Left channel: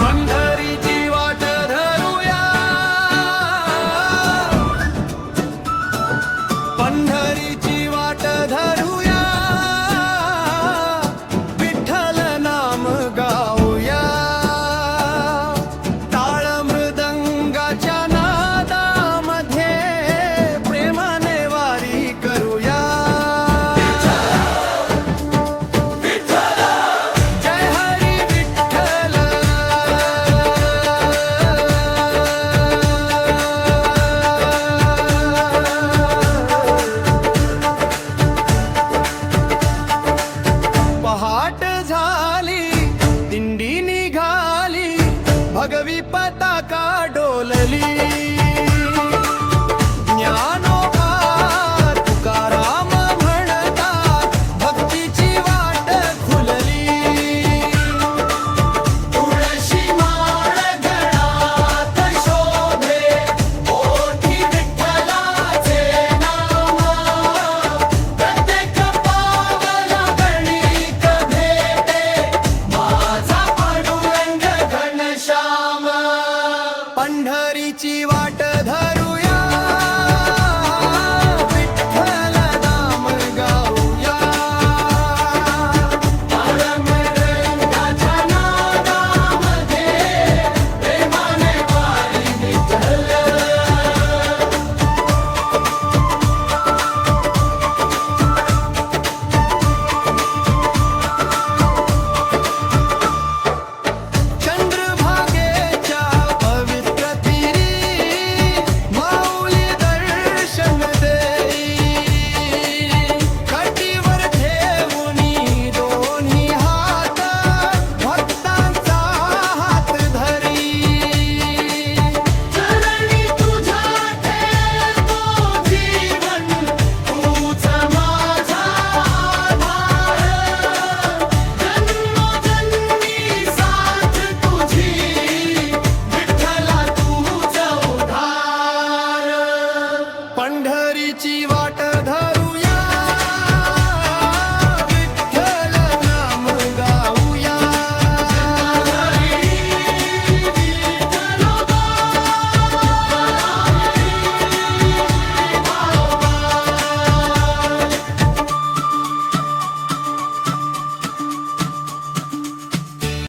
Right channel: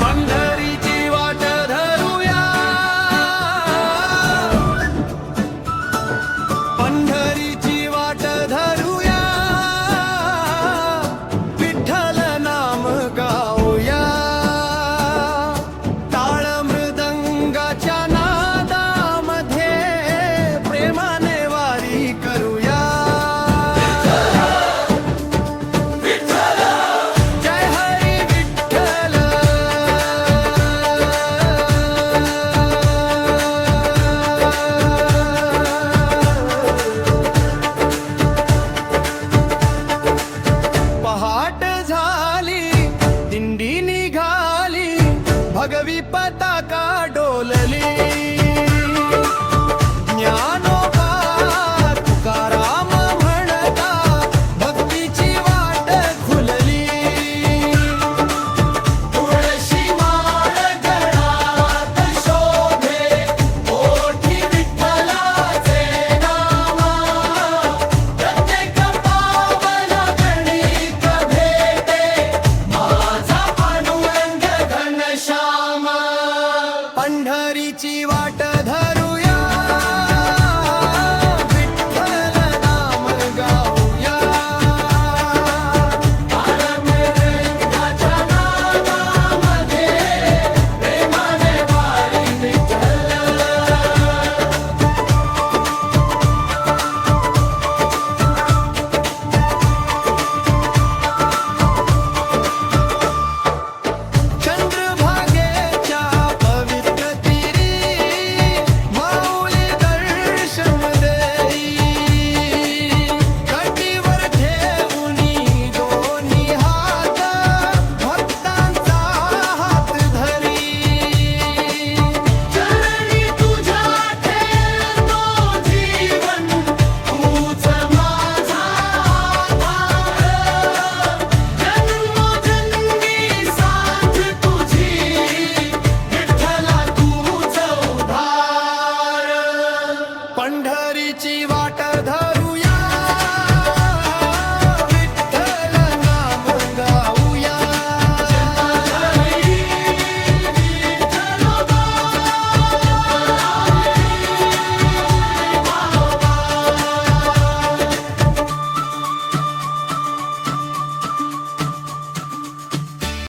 पंढरीची वाट धरूया, पंढरीची वाट धरूया, विठ्ठल नाम गाऊया, टाळ मृदंगाच्या नादामध्ये प्रेमाने वारी करूया. जय हरी विठ्ठल, पहाट झाली दिंडी निघाली, भगवी पताका डोलली, ज्ञानोबा तुकाराम म्हणतात भक्तीची वाट खुलली. तुळशी माळ गळ्यात शोभे, ओठी विठ्ठलाचे नाम, प्रत्येक पावला गणित भेटे, माझा पांडुरंग घनश्याम. पंढरीची वाट धरूया, विठ्ठल नाम गाऊया, टाळ मृदंगाच्या नादामध्ये प्रेमाने वारी विठ्ठल. चंद्रभागेच्या पवित्र तीरी माऊली दर्शन देई, कटीवर ठेवूनी दोन्ही हात भक्तांचा हात धरी. चरणी तुझ्या ठेवतो जीवन, तूच माझा आधार, जन्मोजन्मी साथ तुझी, विठ्ठला तूच उद्धार. पंढरीची वाट धर